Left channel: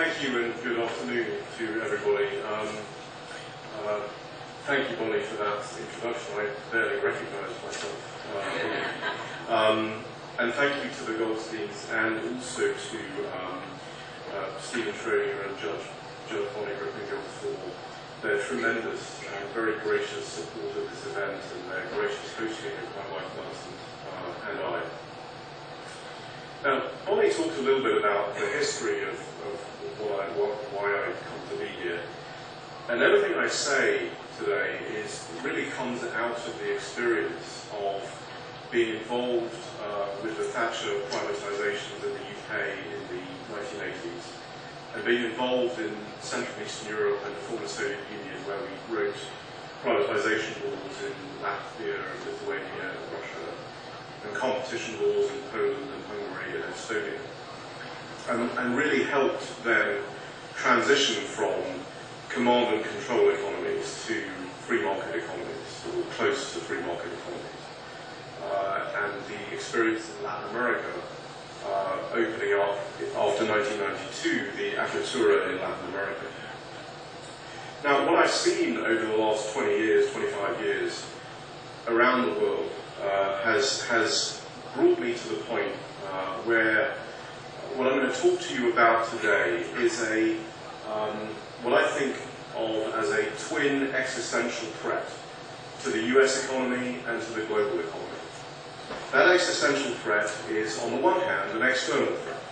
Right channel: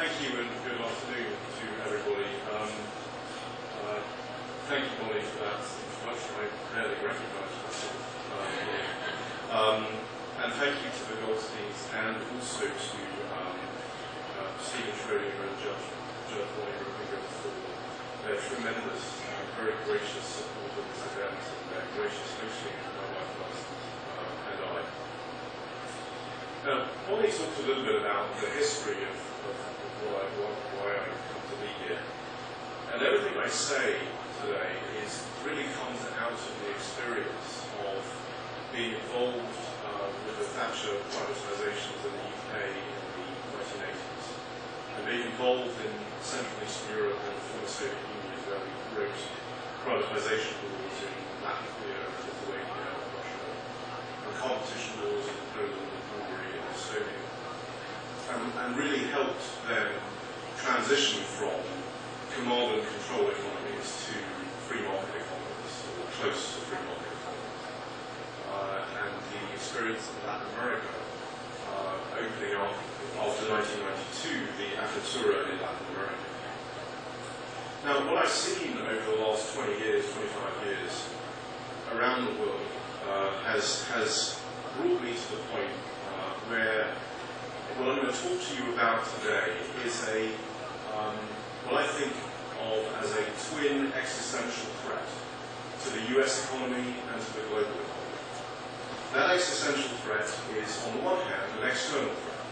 Thank you and good afternoon to everybody. Thank you, Bonnie, for that introduction. I barely recognised myself. And thank you to the Goldsteins and also to Stephen Schrodinger and Judge Bonnie Rippinghill for their tremendous and very gracious support of this event and their gracious hosting of my wife Alison and I. Now, Bonnie talked a little bit about the history of why I come to be here. And everything I say today really comes out of the experience of being involved with the Thatcher privatisations in the UK in the 1980s, and being involved in Central and Eastern Europe and the former Soviet Union, where we wrote privatisation laws in Latvia, Lithuania, and Russia, and competition laws in Poland and Hungary and Estonia, and really helped them transition from command and control economies to free market economies, or close to free market economies. And the experience in Latin America, opening up after 1992, the Apertura in Latin America. Now, what I've seen over the last 20 years, 25 years, around the world, has brought me to the point where what I'm going to talk to you about today is what I think of as a twin existential threat to the US economy and to the global economy. That existential threat is, on the one hand, an external threat.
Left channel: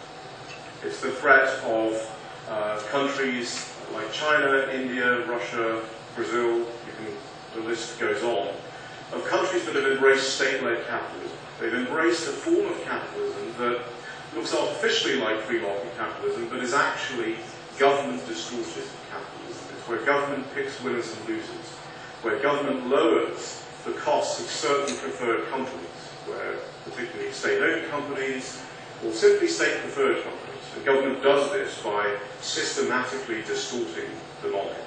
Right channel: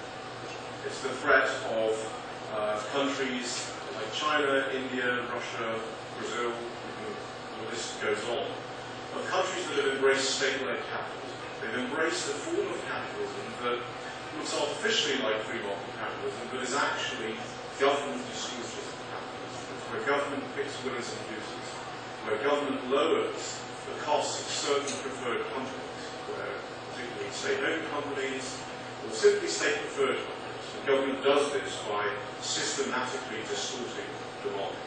It's the threat of countries like China, India, Russia, Brazil, the list goes on, of countries that have embraced state-led capitalism. They've embraced a form of capitalism that looks artificially like free market capitalism, but is actually government-distorted capitalism. It's where government picks winners and losers, where government lowers the costs of certain preferred companies, where particularly state-owned companies or simply state-preferred companies. The government does this by systematically distorting the market.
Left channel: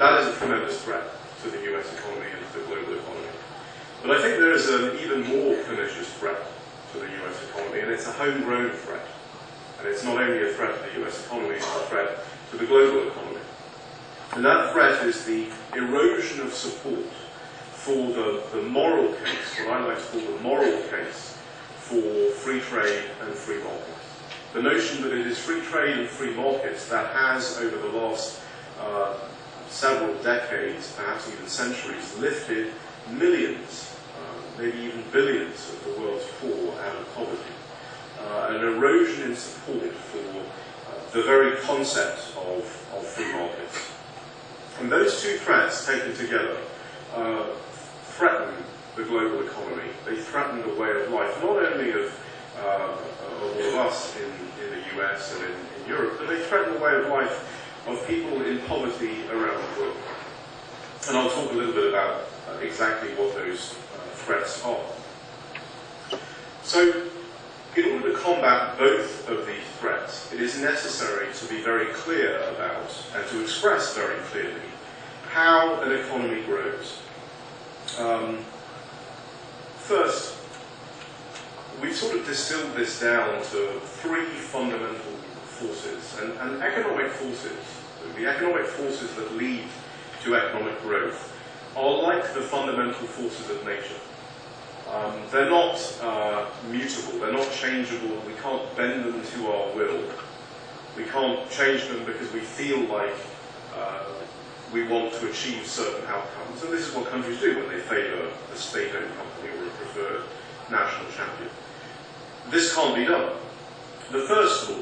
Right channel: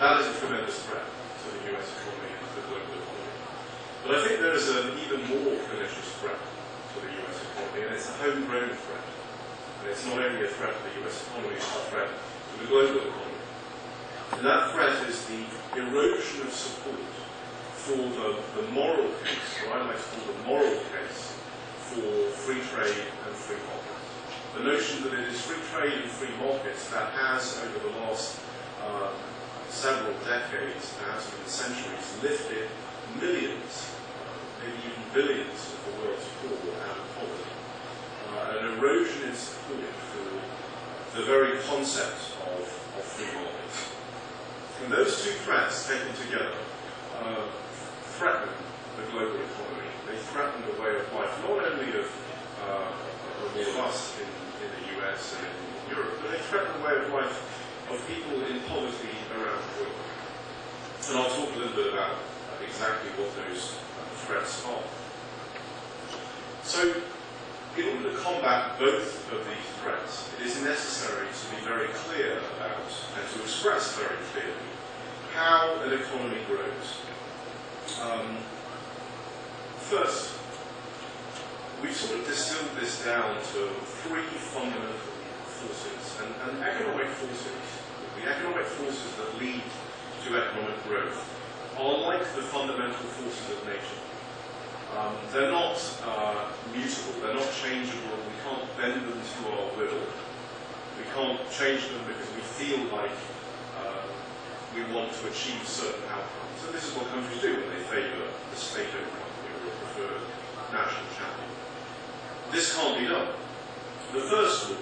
That is a tremendous threat to the US economy and to the global economy. But I think there is an even more pernicious threat to the US economy, and it's a homegrown threat. And it's not only a threat to the US economy, it's a threat to the global economy. And that threat is the erosion of support for the moral case, what I like to call the moral case, for free trade and free markets. The notion that it is free trade and free markets that has, over the last several decades, perhaps even centuries, lifted millions, maybe even billions of the world's poor out of poverty. An erosion in support for the very concept of free markets. And those two threats taken together threaten the global economy. They threaten the way of life, not only of all of us in the US and in Europe, but they threaten the way of life of people in poverty around the world. And I'll talk a little bit about exactly what those threats are. So, in order to combat both of these threats, it is necessary to be very clear about, and to express very clearly, how an economy grows. First, we've sort of distilled this down to three fundamental forces, and economic forces, the economic forces that lead to economic growth, are like the fundamental forces of nature. They're not mutable, they're not changeable, we can't bend them to our will. We can't change them because we feel like we want to achieve certain outcomes. And this is what countries do when they favour a state-owned company or a preferred national champion. This can't be done. The first law,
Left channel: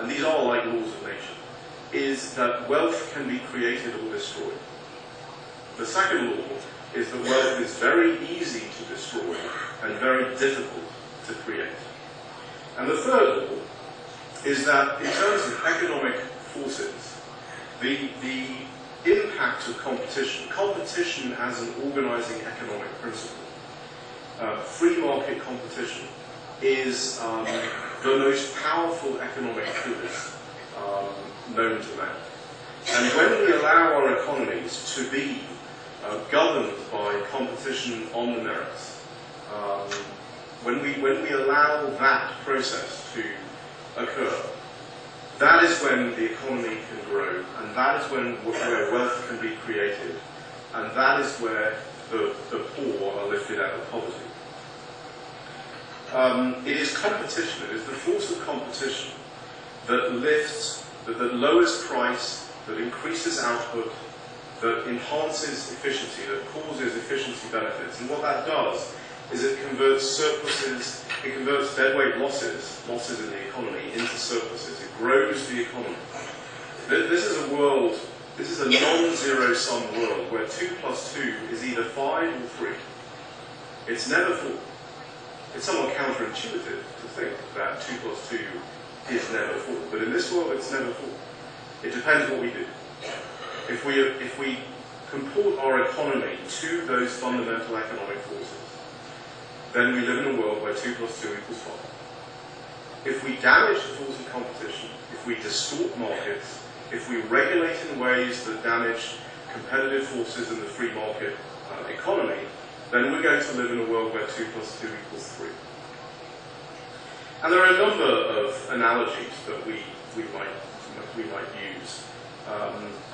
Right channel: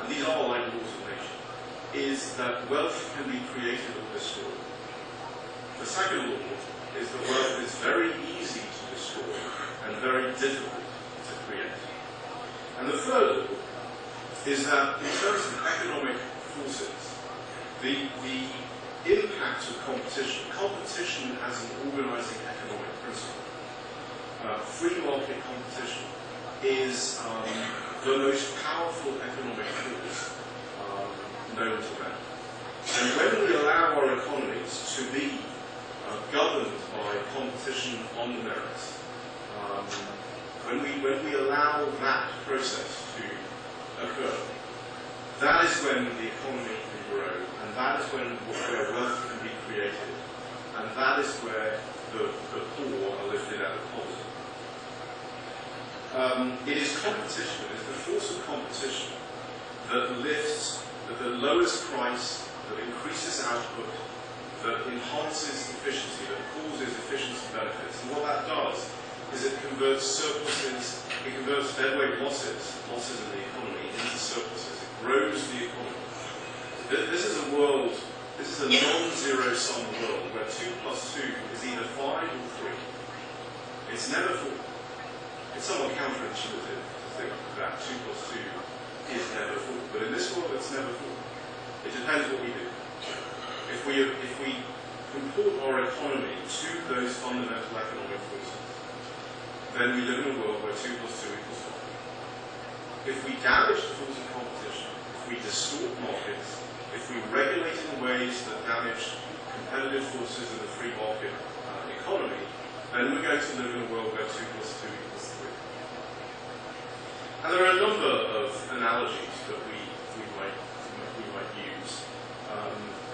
and these are like laws of nature, is that wealth can be created or destroyed. The second law is that wealth is very easy to destroy and very difficult to create. And the third law is that in terms of economic forces, the impact of competition as an organising economic principle, free market competition is the most powerful economic force known to man. And when we allow our economies to be governed by competition on the merits, when we allow that process to occur, that is when the economy can grow, and that is where wealth can be created, and that is where the poor are lifted out of poverty. It is competition, it is the force of competition that lifts, that lowers price, that increases output, that enhances efficiency, that causes efficiency benefits. And what that does is it converts surpluses, it converts deadweight losses in the economy, into surpluses. It grows the economy. This is a world, this is a non-zero sum world where 2 plus 2 is either 5 or 3. It's never 4. It's somewhat counterintuitive to think that 2 plus 2 is never 4. But in this world, it's never 4. It depends what we do. If we comport our economy to those fundamental economic forces, then we live in a world where 2 plus 2 equals 5. If we damage the force of competition, if we distort markets, if we regulate in ways that damage competitive forces in the free market economy, then we're going to live in a world where 2 plus 2 equals 3. And there are a number of analogies that we might use.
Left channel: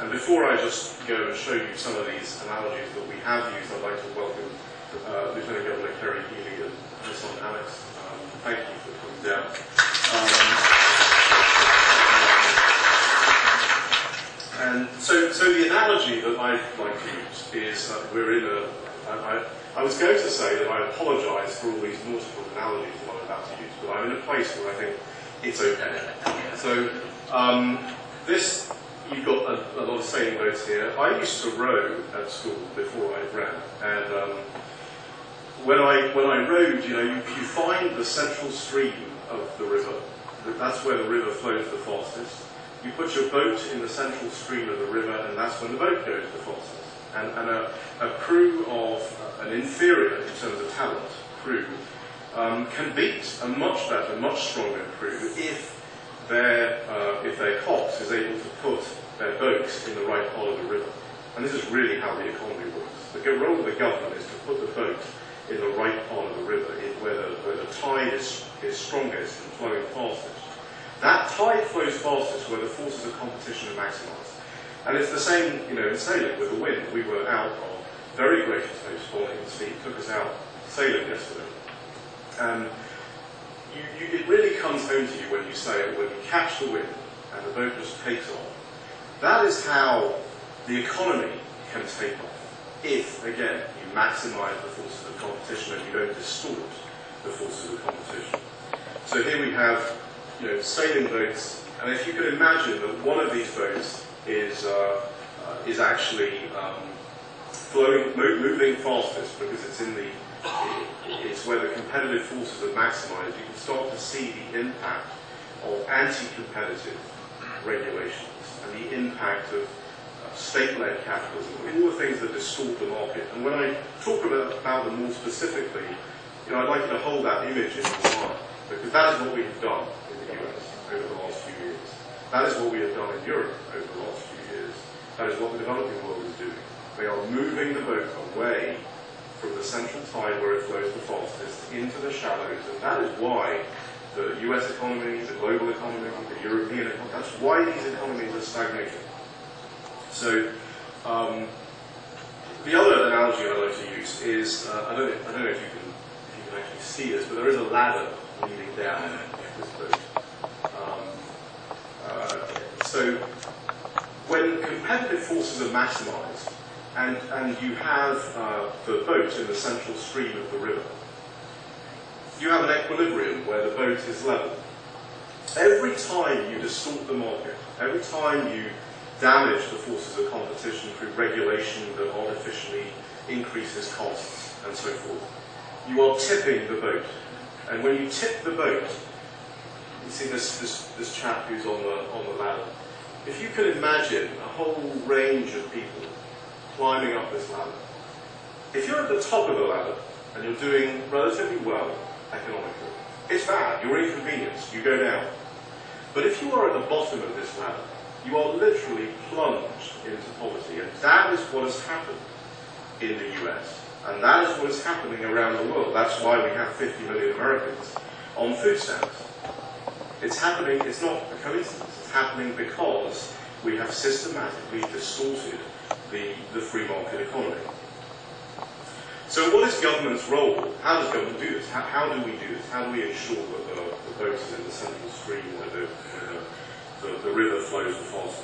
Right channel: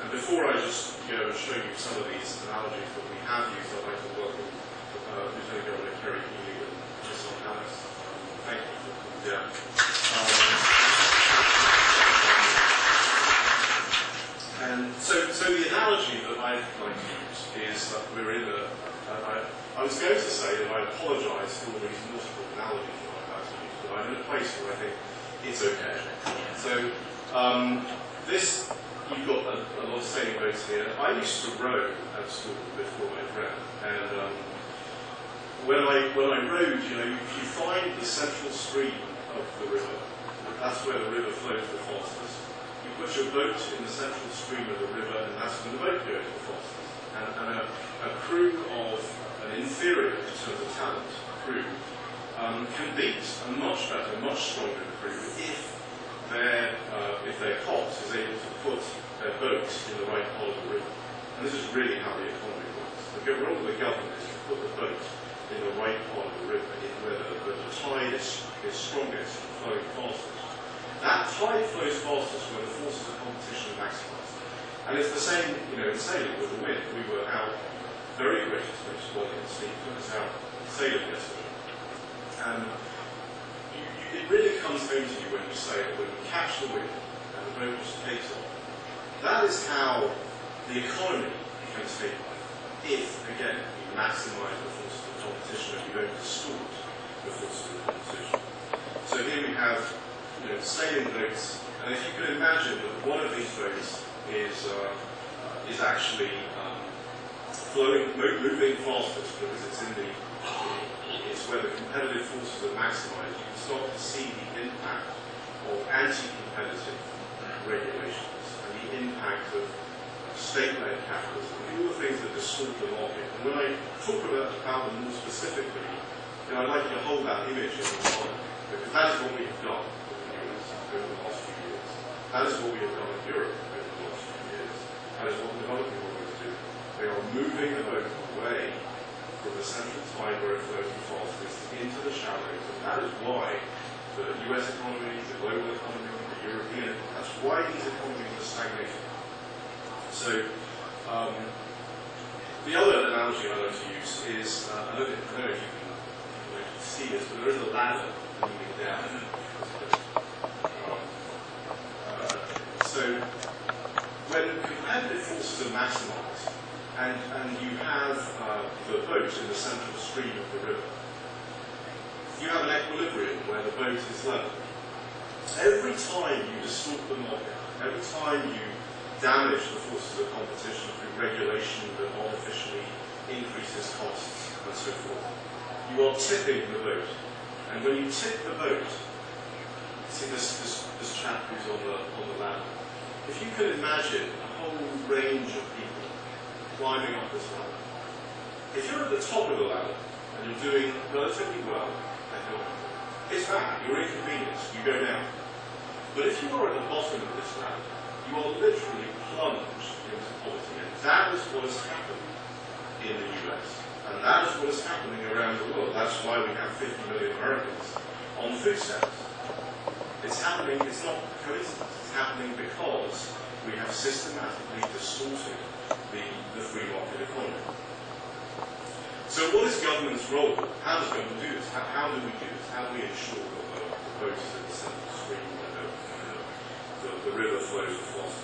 And before I just go and show you some of these analogies that we have used, I'd like to welcome Lieutenant Governor Kerry Healy and his son Alex. Thank you for coming down. And so the analogy that I'd like to use is we're in a... I was going to say that I apologise for all these multiple analogies that I'm about to use, but I'm in a place where I think it's okay. So this, you've got a lot of sailing boats here. I used to row at school before I ran, and when I rowed, you find the central stream of the river. That's where the river flows the fastest. You put your boat in the central stream of the river, and that's when the boat goes the fastest. And a crew of an inferior, in terms of talent, crew can beat a much better, much stronger crew if their cox is able to put their boats in the right part of the river. And this is really how the economy works. The role of the government is to put the boat in the right part of the river, where the tide is strongest and flowing fastest. That tide flows fastest where the forces of competition are maximised. And it's the same, in sailing with the wind. We were out on very gracious host, Bonnie and Steve took us out sailing yesterday. And it really comes home to you when you sail, when you catch the wind and the boat just takes off. That is how the economy can take off. If, again, you maximise the forces of competition and you don't distort the forces of competition. So here we have, sailing boats, and if you could imagine that one of these boats is actually moving fastest because it's where the competitive forces are maximised, you can start to see the impact of anti-competitive regulations and the impact of state-led capitalism, all the things that distort the market. And when I talk about them more specifically, I'd like you to hold that image in your mind, because that is what we have done in the US over the last few years. That is what we have done in Europe over the last few years. That is what the developing world is doing. They are moving the boat away from the central tide where it flows the fastest into the shallows, and that is why the US economy, the global economy, the European economy, that's why these economies are stagnating. So, the other analogy I like to use is, I don't know if you can actually see this, but there is a ladder leading down this boat. So, when competitive forces are maximised, and you have the boat in the central stream of the river, you have an equilibrium where the boat is level. Every time you distort the market, every time you damage the forces of competition through regulation that artificially increases costs and so forth, you are tipping the boat. And when you tip the boat, you see this chap who's on the ladder. If you could imagine a whole range of people climbing up this ladder, if you're at the top of the ladder and you're doing relatively well economically, it's bad, you're inconvenienced, you go down. But if you are at the bottom of this ladder, you are literally plunged into poverty, and that is what has happened in the US, and that is what is happening around the world. That's why we have 50 million Americans on food stamps. It's happening, it's not a coincidence, it's It's happening because we have systematically distorted the free market economy. So what is government's role? How does government do this? How do we do this? How do we ensure that the boat is in the central stream where the river flows the fastest?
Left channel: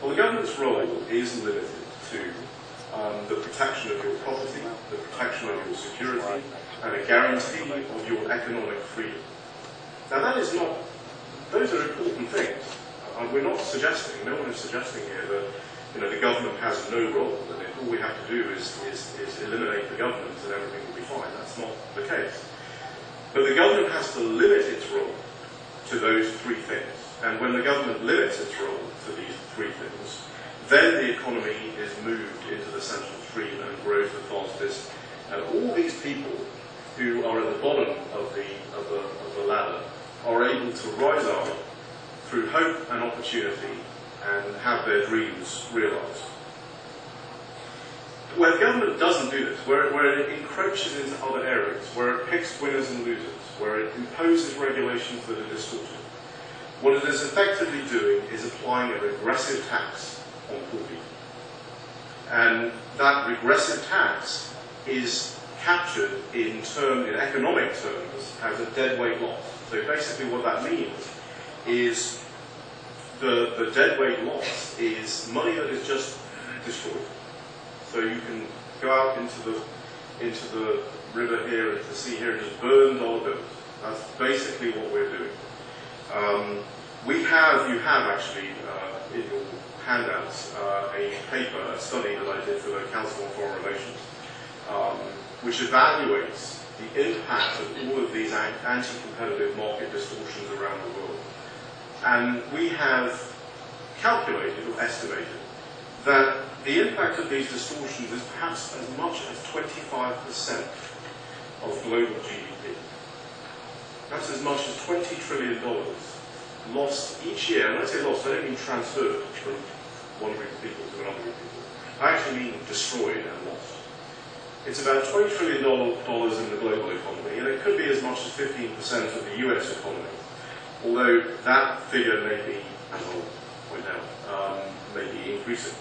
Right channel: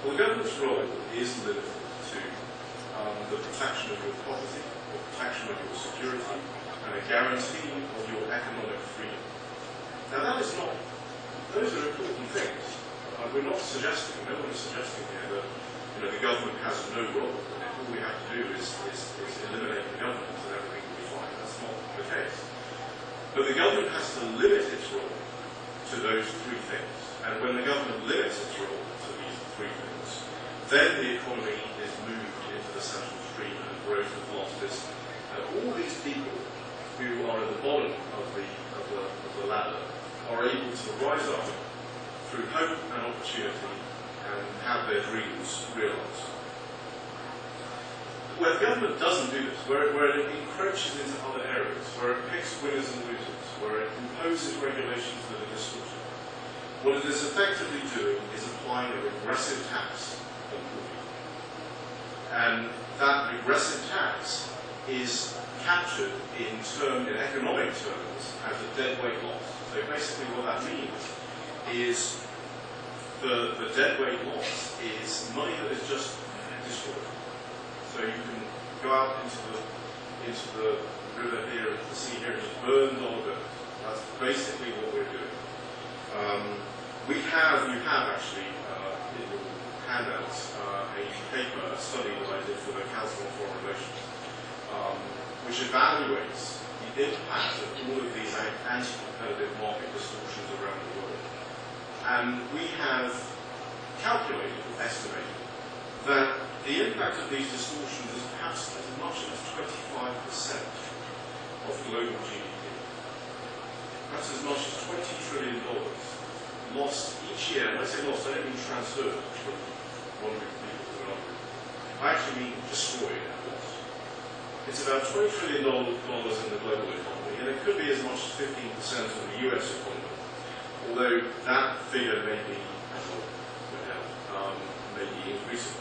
Well, the government's role is limited to the protection of your property, the protection of your security, and a guarantee of your economic freedom. Now that is not, those are important things. We're not suggesting, no one is suggesting here that the government has no role, and if all we have to do is eliminate the government and everything will be fine. That's not the case. But the government has to limit its role to those three things. And when the government limits its role to these three things, then the economy is moved into the central stream and grows the fastest. And all these people who are at the bottom of the ladder are able to rise up through hope and opportunity and have their dreams realised. Where government doesn't do this, where it encroaches into other areas, where it picks winners and losers, where it imposes regulations that are distorted, what it is effectively doing is applying a regressive tax on poor people. And that regressive tax is captured in economic terms as a deadweight loss. So basically what that means is the deadweight loss is money that is just destroyed. So you can go out into the river here, into the sea here, and just burn dollar bills. That's basically what we're doing. You have actually in your handouts a paper, a study that I did for the Council on Foreign Relations, which evaluates the impact of all of these anti-competitive market distortions around the world. And we have calculated or estimated that the impact of these distortions is perhaps as much as 25% of global GDP. That's as much as $20 trillion lost each year. And when I say lost, I don't mean transferred from one group of people to another group of people. I actually mean destroyed and lost. It's about $20 trillion in the global economy, and it could be as much as 15% of the US economy. Although that figure may be, as I'll point out, may be increasing.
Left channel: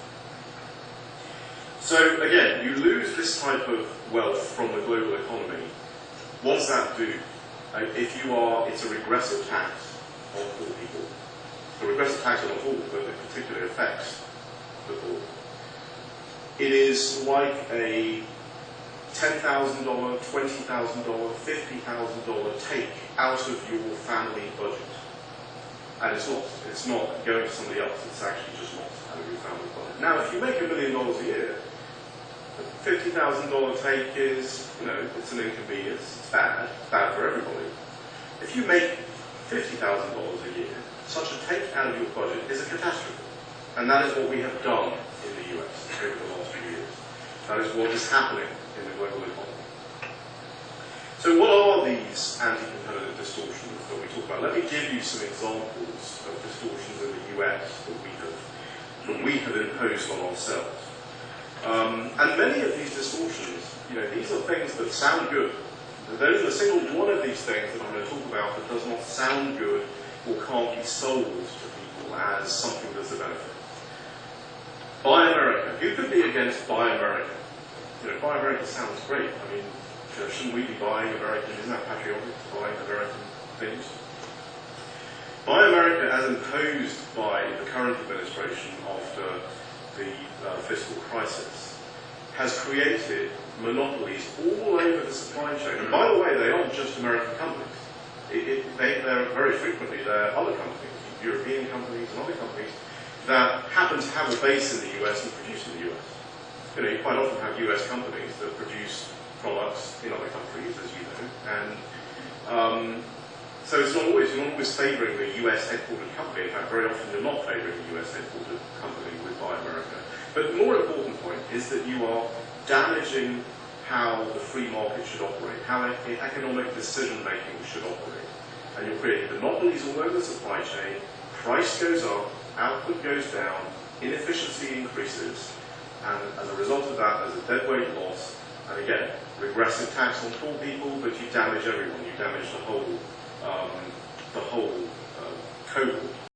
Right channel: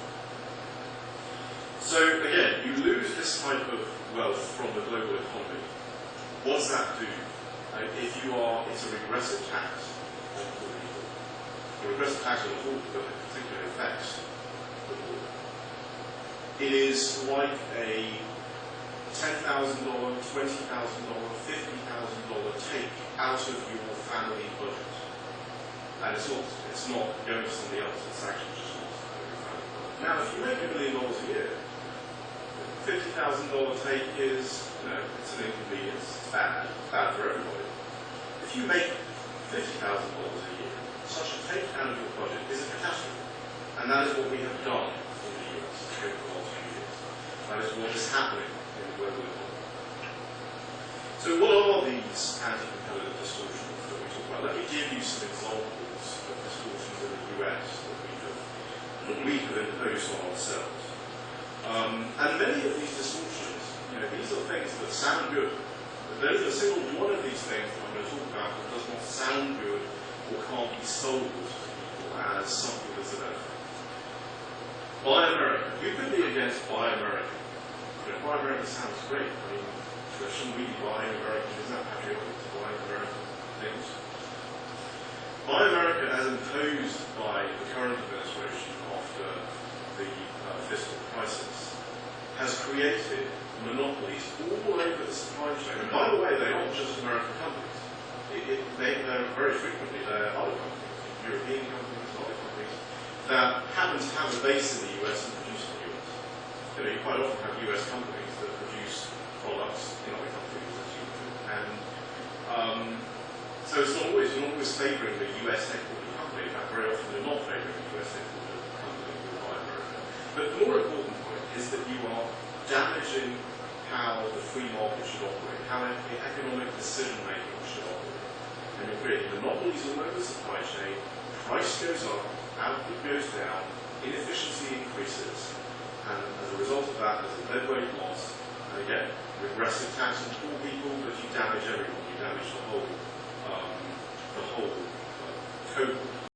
So again, you lose this type of wealth from the global economy. What does that do? It's a regressive tax on poor people. A regressive tax on the poor, but it particularly affects the poor. It is like a $10,000, $20,000, $50,000 take out of your family budget. And it's lost. It's not going to somebody else. It's actually just lost out of your family budget. Now, if you make $1 million a year, $50,000 take is, it's an inconvenience. It's bad. It's bad for everybody. If you make $50,000 a year, such a take out of your budget is a catastrophe. And that is what we have done in the US over the last few years. That is what is happening in the global economy. So what are these anti-competitive distortions that we talk about? Let me give you some examples of distortions in the US that we have imposed on ourselves. And many of these distortions, these are things that sound good. But there is a single one of these things that I'm going to talk about that does not sound good or can't be sold to people as something that's a benefit. Buy America. Who could be against Buy America? Buy America sounds great. I mean, shouldn't we be buying American? Isn't that patriotic to buy American things? Buy America, as imposed by the current administration after the fiscal crisis, has created monopolies all over the supply chain. And by the way, they aren't just American companies. They're very frequently they're other companies, European companies and other companies, that happen to have a base in the US and produce in the US. You quite often have US companies that produce products in other countries, as you know, and so it's not always, you're not always favouring the US headquartered company. In fact, very often you're not favouring the US headquartered company with Buy America. But the more important point is that you are damaging how the free market should operate, how economic decision making should operate. And you're creating monopolies all over the supply chain, price goes up, output goes down, inefficiency increases, and as a result of that, there's a deadweight loss. And again, regressive tax on poor people, but you damage everyone. You damage the whole cohort.